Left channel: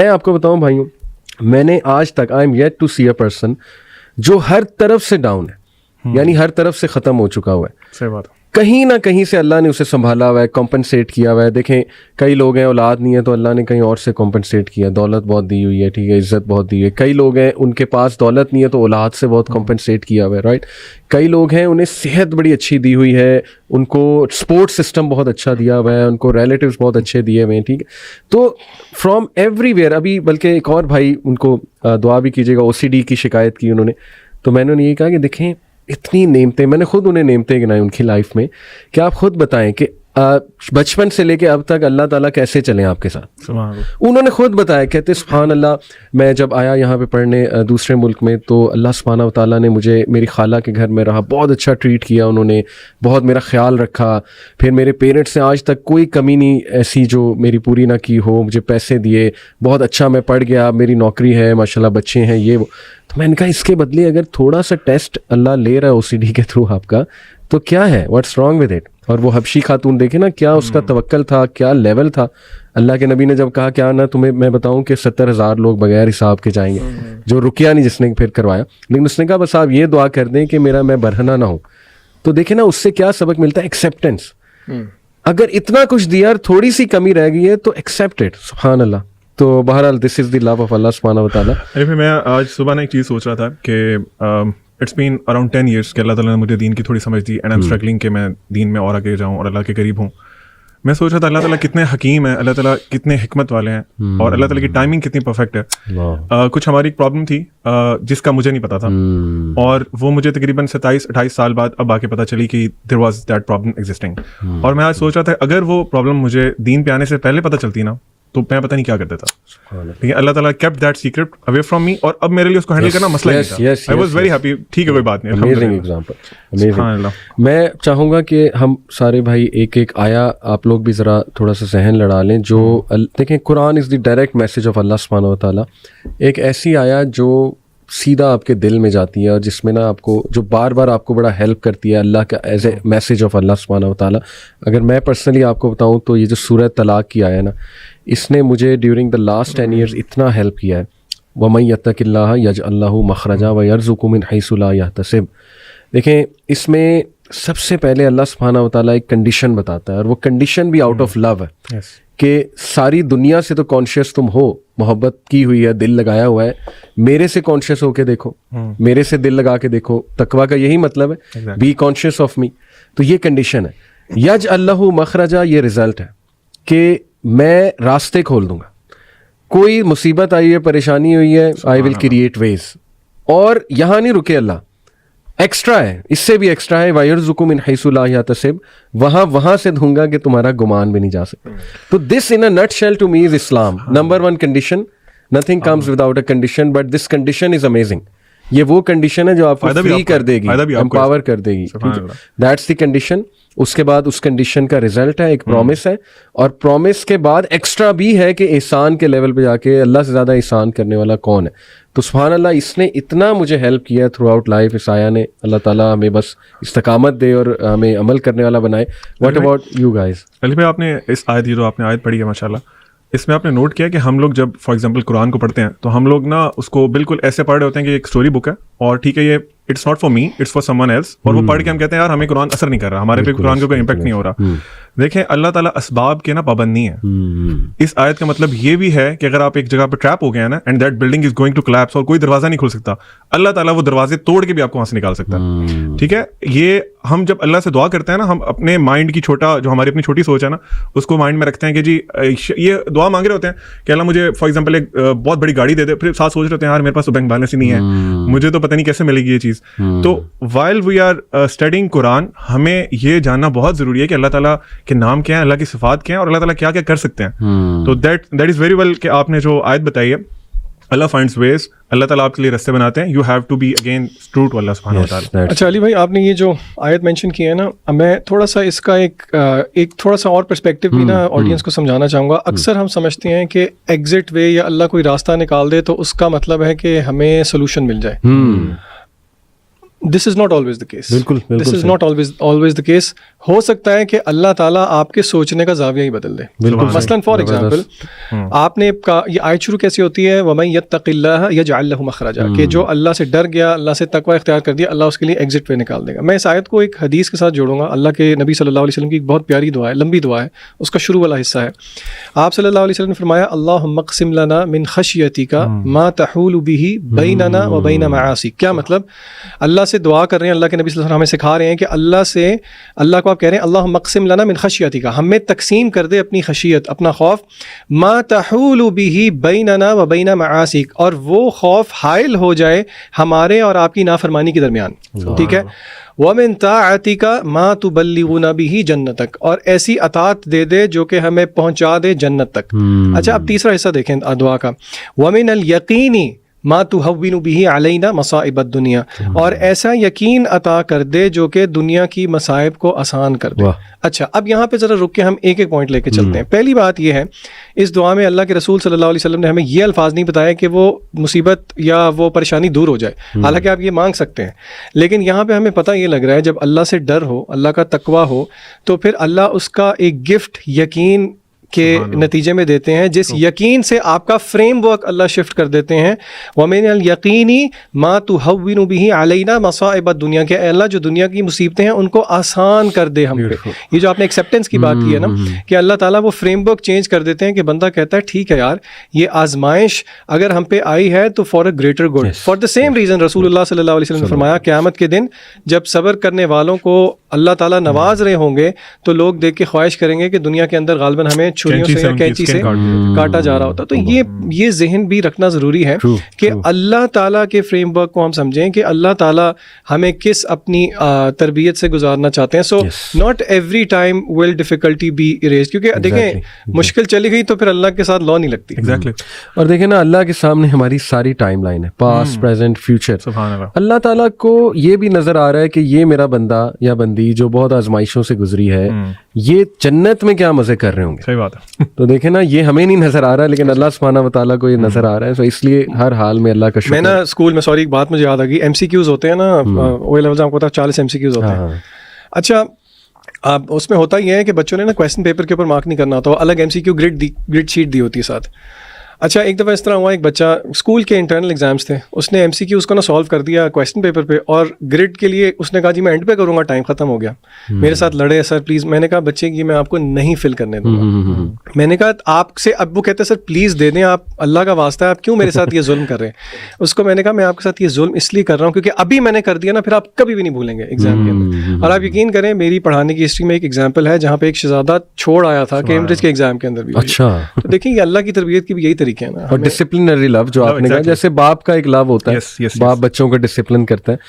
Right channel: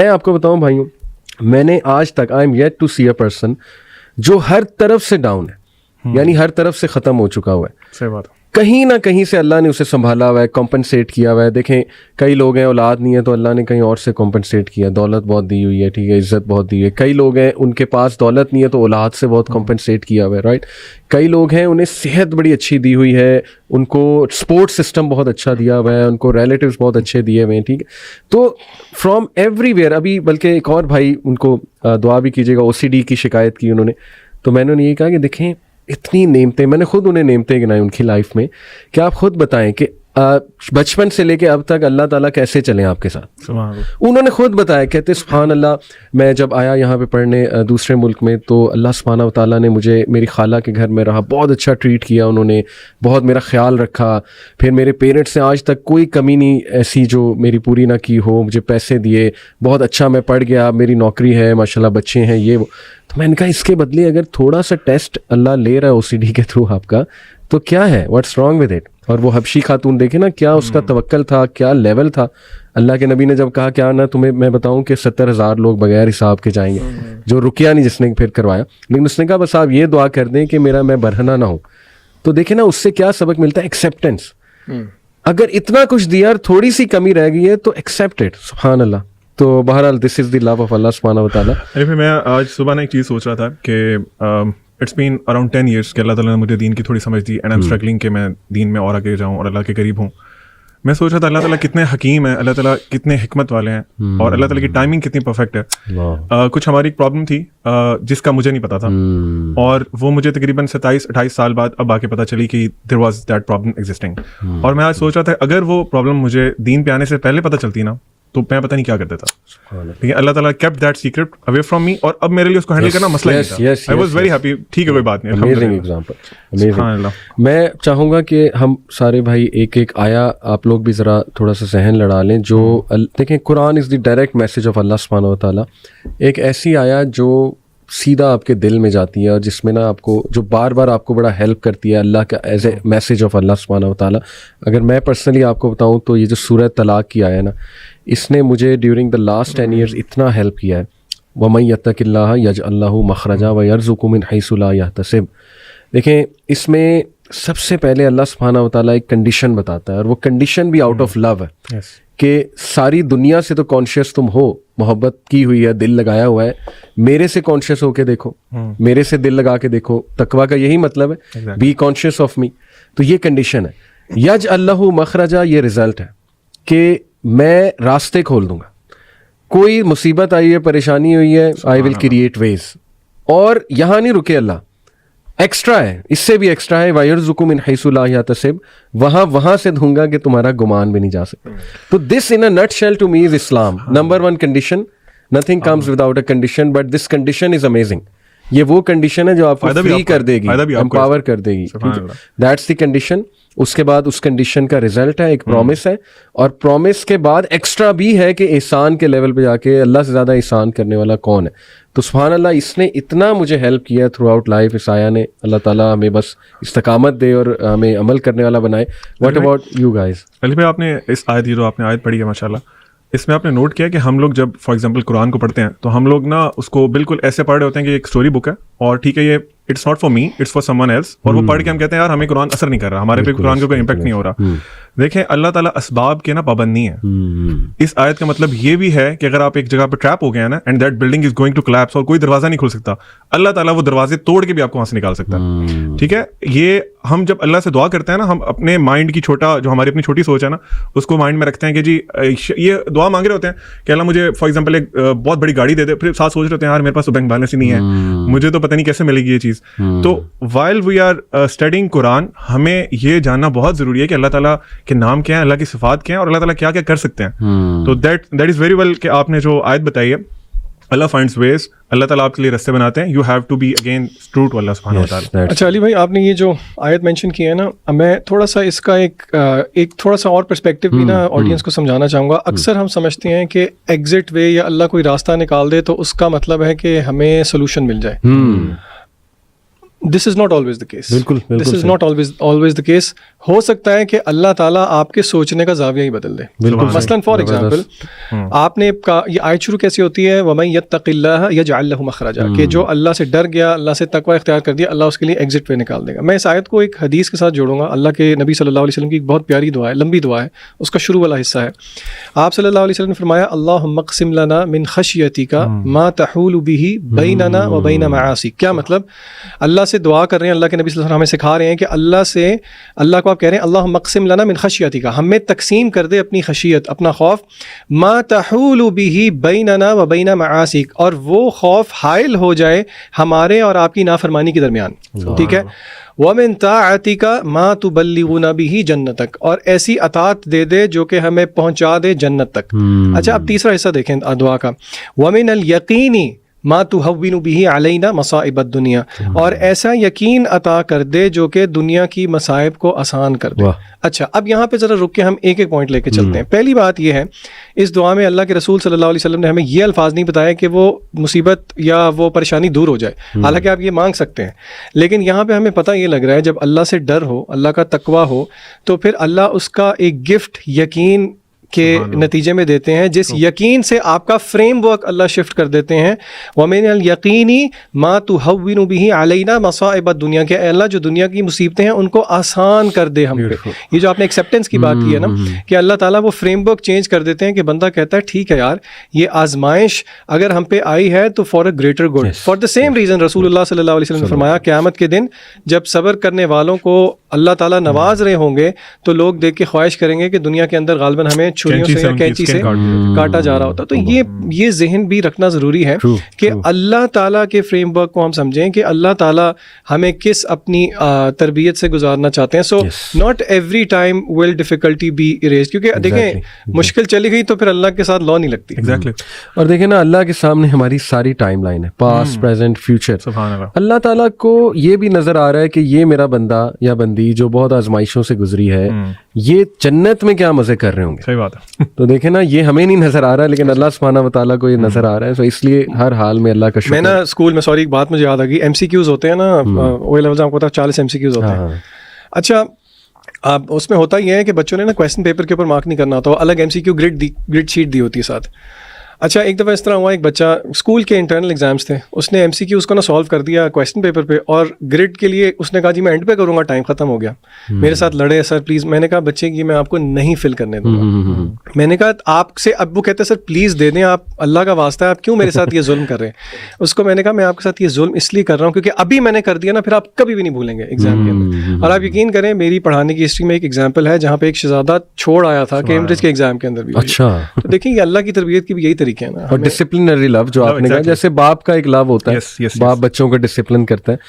میں آپ کو بتاؤں بھائیوں, میں نے آج تک I am yet to see a person جو ہر طرف سے ڈاؤن ہے, یعنی ہر طرف سے ختم ہو چکا ہوا ہے. صحیح بات. کہیں نہ کہیں سے اللہ نے اسے سنبھالا ہوا ہے, کمپنسیٹ کیا ہوا ہے. دیکھیں کئی لوگ ہیں اولاد نہیں ہے تو اللہ نے کہیں اور سے کمپنسیٹ کیا, دولت بہت دی ہوئی ہے, ٹھیک ہے, عزت بہت دی ہے. کئی لوگ ہیں ان کے پاس دولت نہیں ہے تو اولاد سے بہت کمپنسیٹ کیا ہوا ہے, رائٹ. کئی لوگ ہیں انہیں صحت بڑی اچھی دی ہوئی ہے, ان کو سپورٹ سسٹم بہت اچھا دیا ہوا ہے, ان کو ریلیٹیوز بہت اچھے دیے ہوئے ہیں, ٹھیک ہے. تو فرام ایوری ویئر. ابھی بلکہ ایک اور بھائی, ان کو دعا بھی کیجیے گا, OCD کی شکایت کی انہوں نے, تو میں نے انہیں یہ کہا کہ دیکھیں اتنی نعمتیں, میں نے خود انہیں نعمتیں گنائی ان کی لائف میں, کہ آپ خود بتائیں کہ بچپن سے لے کے اب تک اللہ تعالیٰ کیسے چلیں آپ کے ساتھ. انہوں نے خود بتایا, کہتے سبحان اللہ, میں جب آیا یہاں پہ پڑھنے دوسرے ملک میں تو اللہ سبحانہ و تعالیٰ نے مجھے میری خالہ کے گھر میں رہا, بہت اچھا ٹریٹ کیا انہوں نے, بہت میرا خیال رکھا. پھر میرے پیرنٹس نے آج تک کوئی کمی نہیں ایسی جو میری پوری نہ کی ہو, مجھے پیسے دیے, بہت اچھا میں پڑھ گیا, میری نوکری ہے ماشاءاللہ, بچے ہیں, یہ وہ. تو میں نے کہا اس کے بدلے اگر تھوڑا سا ٹیسٹ اللہ لے رہا ہے OCD کے تھرو آپ کا, تو کیا ہے, واٹس رانگ ود اٹ. اور وہ حبشی خاتون دیکھیں نا, کیا اس کا توکل تھا, کیا لیول تھا. اللہ کے نبی نے جب کہا کیا نہ تمہیں میں بتاؤں کہ 70,000 لوگ بغیر حساب کے جائیں گے, جو رکیا نہیں جس نے پھر کروایا, لیکن اس نے کہا بس آپ یہ دعا کر دیں کہ میں برہنہ نہ ہوں. تو دیکھیں نا اس سے کیا سبق ملتا ہے, ایکسیپٹینس. اگر اتنا کچھ دیا اور تھوڑی سی کمی رہ گئی ہے تو ایکسیپٹ اٹ, سبحان اللہ. تو بہرحال دس از دی لو آف اللہ سبحانہ و تعالیٰ. میں آج صبح نے ایک چیز سوچ رہا تھا کہ اٹس بین اراؤنڈ 10 years کہ اللہ تعالیٰ نے مجھے دین کی تھوڑی سمجھ دی, اینڈ آئی ایم اسٹرگلنگ کہ میں دین میں اور آگے جاؤں اور اللہ کے قریب ہوں. میں سوچ رہا تھا اللہ تعالیٰ کتنے حکیم ہیں, اللہ تعالیٰ کتنے حکمت والے ہیں, اور اللہ تعالیٰ کی ٹائمنگ کتنی پرفیکٹ ہے. کچھ ہماری ایک پرابلم تھی جس کا مجھے نہیں پتا تھا, اور وہ مجھے تقریباً 27-28 سال بعد اب آ کے پتا چلی کہ there was that problem existing. اور میں آج سوچ رہا تھا اگر وہ پرابلم مجھے دین پہ آنے سے پہلے پتہ چلتی نا تو میں پتہ نہیں کیا کرتا تھا. لیکن اللہ تعالیٰ kept that secret away from me, اور اب میرے لیے اس کو ہینڈل کرنا مسئلہ نہیں تھا. I was very happy. ٹھیک ہے, کوئی بات نہیں. Amazing example, amazing. میں چاہوں گا کہ ہم سارے بھائی ایک ایک آیا آپ لوگ بھی ذرا تھوڑا سا ذہن لڑا لیں. جو دیکھیں قرآن از دی ڈائریکٹ میسج آف اللہ سبحانہ و تعالیٰ. ایک ایسی آیا جو سیدھا آپ کے دل میں جاتی ہے, اور جس میں نا آپ کو جو بار بار آپ کو بڑا ہیلپ کرتی ہے اللہ کا ایز اے میسج آف اللہ سبحانہ و تعالیٰ. اگر میں پرسنلی آپ کو بتاؤں تو یہ جو سورہ طلاق کی آیا نا, اس نے مجھے ڈیورنگ دا لاسٹ 10 years اتنا ہیلپ کیا ہے. وَمَن يَتَّقِ اللَّهَ يَجْعَل لَّهُ مَخْرَجًا وَيَرْزُقْهُ مِنْ حَيْثُ لَا يَحْتَسِبُ. دیکھیں اس میں سب سے پہلے اللہ سبحانہ و تعالیٰ ایک کنڈیشن بتاتا ہے, اور وہ کنڈیشن بھی آؤٹ آف لو ہے کہ ساری دنیا سے تو کانشیس تم ہو, محبت کی ہوئی ہے, دل لگایا ہوا ہے, میرے سے کانشیس ہو کے دیکھو, میرے سے دل لگا کے دیکھو. تقویٰ کا یہی مطلب ہے, بی کانشیس آف می. تو یہ کنڈیشن ہے. یجعل لہ مخرجا, یہ رزلٹ ہے کہ میں راستے کھول دوں گا. کوئی مصیبت آئی ہے, پریشانی ہوئی ہے, آئی ول کریٹ ویز. اور یہاں نہیں رکے اللہ, ایکسٹرا ہے, اس سے بھی ایکسٹرا ہے. وَيَرْزُقُ مِنْ حَيْثُ لَا يَحْتَسِبُ, وہاں سے دوں گا کہ تمہارا گمان بھی نہیں جا سکتا. تو this in a nutshell to me is Islam. Number one condition, nothing comes without a condition, but this condition is amazing. یہ وہ کنڈیشن ہے جو آپ کو فری کر دے گی, امپاور کر دے گی. That's the condition. اس کے بعد اس کنڈیشن کا رزلٹ ہے ایک پرومس ہے, اور پرومس کے بعد ایکسٹرا بھی ہے کہ احسان کے لیول پہ جا کے اللہ سے زیادہ احسان کرنے والا کون ہے. تو سبحان اللہ, اس نے اتنا مجھے ہیلپ کیا تھرو آؤٹ لائف اس آیا نے. اللہ تعالیٰ ہمیں بس استقامت دے اور ہمیں عمل کرنے والا بنائے. What about you guys? Ali بھائی, آپ نے اس آیت, یہ جو آپ نے آیت پڑھی ہے ماشاءاللہ, اس میں آپ نے نوٹ کیا کہ ہم لوگ جب فار ایگزامپل قرآن کو پڑھتے ہیں تو ہم لوگ نا اس کو بالکل ایسے پڑھ رہے ہوتے ہیں کہ ایک اسٹوری بک ہے, اور ٹھیک ہے یہ it's not for me, it's for someone else, اور وہ پڑھ کے ہم کہتے ہیں یار ہمیں قرآن اثر نہیں کر رہا, ہمارے پہ قرآن کا کوئی امپیکٹ نہیں ہو رہا. دیکھیں اللہ تعالیٰ اسباب کے نا پابند نہیں ہے. اس آیت کا مطلب یہ بھی ہے کہ اگر آپ ایک جگہ پہ ٹریپ ہو گئے ہیں نا, and that building is going to collapse, اور کوئی دروازہ نہیں کھول سکتا, اللہ تعالیٰ وہ دروازے توڑ کے بھی آپ کو وہاں سے نکال سکتا ہے. ٹھیک ہے, یہ ہم جب اللہ سے دعا کرتے ہیں نا, ہم اپنے مائنڈ کی چھوٹا, جو ہماری اپنی چھوٹی سوچ ہے نا, اس کو مائنڈ میں رکھتے ہیں کہ جی یہ دعا مانگ رہے ہوتے ہیں کہ اللہ مجھے فار ایگزامپل ایک بہت بڑی گاڑی دے دے, پھر ساتھ سوچ رہے ہوتے ہیں یار میرے پاس بینک بیلنس ہی نہیں ہے, مجھے تو پتہ نہیں کیسے ملے گی یہ چیز. تو while we are studying قرآن, ہمیں یہ جاننا بہت ضروری ہے کہ اللہ تعالیٰ کے نام کیا ہے, اللہ کی صفات کیا ہے, اور اللہ تعالیٰ کیا کیا کر سکتے ہیں. تو that is very well کہ آپ نے جو آیت بتائی ہے, اللہ finds ways, اللہ تعالیٰ آپ کے لیے رستے بناتے ہیں. You have to be again true to Allah سبحانہ و تعالیٰ. اچھا علی بھائی, آپ نے یہ جو آیت مینشن کی ہے نا, میں تھوڑا سا اس کا ایک تھوڑا سا اور پرسپیکٹیو بھی نا آڈینس کو سمجھانا چاہوں گا. اکثر ہم سمجھتے ہیں کہ ایگزٹ وے یا اللہ کوئی راستہ نکال دے تو اس کا مطلب ہے کہ ہمیں سولوشن مل جائے. This is not always the case. بالکل this is not always the case. ہو سکتا ہے کہ اللہ تعالیٰ آپ کے سوچنے کا زاویہ ہی بدل دے. مثلاً فار ایگزامپل آپ نے یہ آیت شروع کیسی ہوتی ہے, وَمَن يَتَّقِ اللَّهَ يَجْعَلْ لَهُ مَخْرَجًا, کہ جو اللہ سے ڈر گیا, اللہ سے تقوی اختیار کر دیا, اللہ اس کے لیے ایگزٹ وے نکال دے گا. میں اس آیت کو ایک حدیث کے ساتھ جوڑوں گا. اللہ کے نبی صلی اللہ علیہ وسلم کی ایک بہت پیاری دعا ہے, لمبی دعا ہے, اس کا شروع والا حصہ ہے. آپ صلی اللہ علیہ وسلم نے فرمایا اللہم اقسم لنا من خشیتک ما تحول به بیننا و بین معاصیک. کیا مطلب؟ اللہ سے دعا کر رہے ہیں, اللہ کے نبی صلی اللہ علیہ وسلم ہمیں سکھا رہے ہیں کہ اللہ کو آپ کہہ رہے ہیں اللہم اقسم لنا من خشیتک, ہمیں تقسیم کر دے اپنی خشیت, اپنا خوف, ما تحول به بیننا و بین معاصیک, اور وہ خوف حائل ہو جائے ہمارے اور آپ کی نافرمانی کے درمیان. ٹھیک ہے. وَمِن طَاعَتِكَ مَا تُبَلِّغُنَا بِهِ جنتک, اور ایسی اطاعت دے دے جو کہ ہمیں پہنچا دے جنت تک. اچھا اب تیسرا حصہ دیکھیں دعا کا, وَمِنَ الْيَقِينِ مَا تُهَوِّنُ بِهِ عَلَيْنَا مَصَائِبَ الدُّنْيَا, اور ایسا یقین عطا کر دے جو کہ دنیا کی مصائب کو آسان کر دے. اچھا اب یہاں پہ ذرا رک کے ہم ایک ایک پوائنٹ لے کے چلتے ہیں. پہلی بات یہ ہے, اس دعا میں اللہ کے رسول صلی اللہ علیہ وسلم نے ہمیں یہ الفاظ نہیں بتایا کہ وہ مصیبت یا وہ پریشانی دور ہو جائے, حالانکہ آپ یہ مانگ سکتے ہیں, لیکن یہاں پہ ہمیں پتہ یہ لگ رہا ہے جب اللہ سے ڈر ہو, اللہ کا تقوی ہو, تو پھر اللہ اس کا ایک گفٹ یقین کے نتیجے میں دیتے ہیں, جس یقین سے آپ کا فریم ورک اللہ شفٹ کر دیتے ہیں. وَمِنَ الْيَقِينِ مَا تُهَوِّنُ بِهِ عَلَيْنَا مَصَائِبَ الدُّنْيَا, کہ اے اللہ جو دنیا کی مصیبتیں ہیں ان کو آسان کر دے ہم پہ. یہ جو آپ نے ایکسیپٹنس کی بات کی ہے نا, کہ اللہ تعالیٰ وہ فریم ورک چینج کر دیتے ہیں کہ بندہ کہتا ہے ٹھیک ہے یار, یہ آزمائش اگر ہم پہ آئی ہے تو for a greater good. For the same reason رسول اللہ صلی اللہ علیہ وسلم نے فرمایا قیامت کے دن جب صبر کرنے والوں کو اللہ تعالیٰ نواز رہے ہوں گے تو لوگ دیکھ کے خواہش کریں گے کہ دنیا کے اندر غالباً ہمیں چھریوں سے یا کینچی سے کاٹا جا رہا ہوتا. تو یہ ذہن بھی رکھنا ضروری ہے کہ اللہ تعالیٰ کے فریم ورک کو ہم سمجھیں کہ اللہ تعالیٰ ہمیں کس اپنی تربیت سے گزارنا چاہتے ہیں. So not every time will difficulty be arise, کیونکہ دیکھیں مشکل چلی گئی تو پھر اللہ کے ساتھ لا نہیں لگتی. ایگزیکٹلی. اور دیکھیں نا اللہ کے سامنے ہماری ساری ٹائم لائن ہے, پاسٹ پریزنٹ فیوچر. سبحان اللہ. اللہ تعالیٰ کو یہ بھی نظر آ رہا ہے کہ یہ میرا بندہ یا بندی جو بہت آزمائشوں سے گزری ہے, یہ جنت میں کیا مزے کر رہے ہوں گے. صحیح بات ہے. تو دیکھیں نا یہ ہمیں نہیں نظر آ رہا ہے, لیکن اللہ سبحانہ و تعالیٰ کو یہ نظر آ رہا ہے. تو اس لیے ہر حال میں اللہ کا شکر. میں نا اسکول میں سوری ایک بات مجھے یاد آ گئی, ایم سی کیوز ہوتے ہیں نا, او لیول آپ کو 40 ایم سی کیوز ہوتے ہیں. اچھا اب اس میں ہوتا یہ ہے کہ بچوں نے نا کویسچن پیپر کے اوپر مارک نہیں کرنا ہوتا, الگ M C Q grade sheet دی ہوتی ہے ساتھ. اچھا ایک دفعہ اس طرح ہوا, ایک بچہ اسکول کے انٹرنل ایگزامس تھے, اس نے ایم سی کیو اس کو نا سالو کر دیا کویسچن پیپر پہ, اور گریڈ کے لیے اس نے کہا جی میں اینڈ پہ کروں گا, ٹائم ختم ہو گیا. میرے ساتھ لڑے سر پلیز. میں نے کہا بچے کی میں آپ کو نہیں فل کرنے دوں گا. میں نے کہا آپ سے, اب وہ کہتے ہیں سر پلیز دے دیں, آپ اللہ کا واسطہ ہے, آپ کیوں میرے ساتھ یہ ظلم کر رہے ہیں. اس کو میں نے کہا میں آپ کے ساتھ یہ ظلم اس لیے کر رہا ہوں کیونکہ ابھی میں نے کر دیا نا, پھر آپ کبھی بھی نہیں بھولیں گے. آپ یقین کریں میری پڑھانے کی ہسٹری میں ایک ایگزامپل ہے باپ کا ایک لام ہوتا ہے, باپ بچوں کو ڈسپلن کرتے ہیں.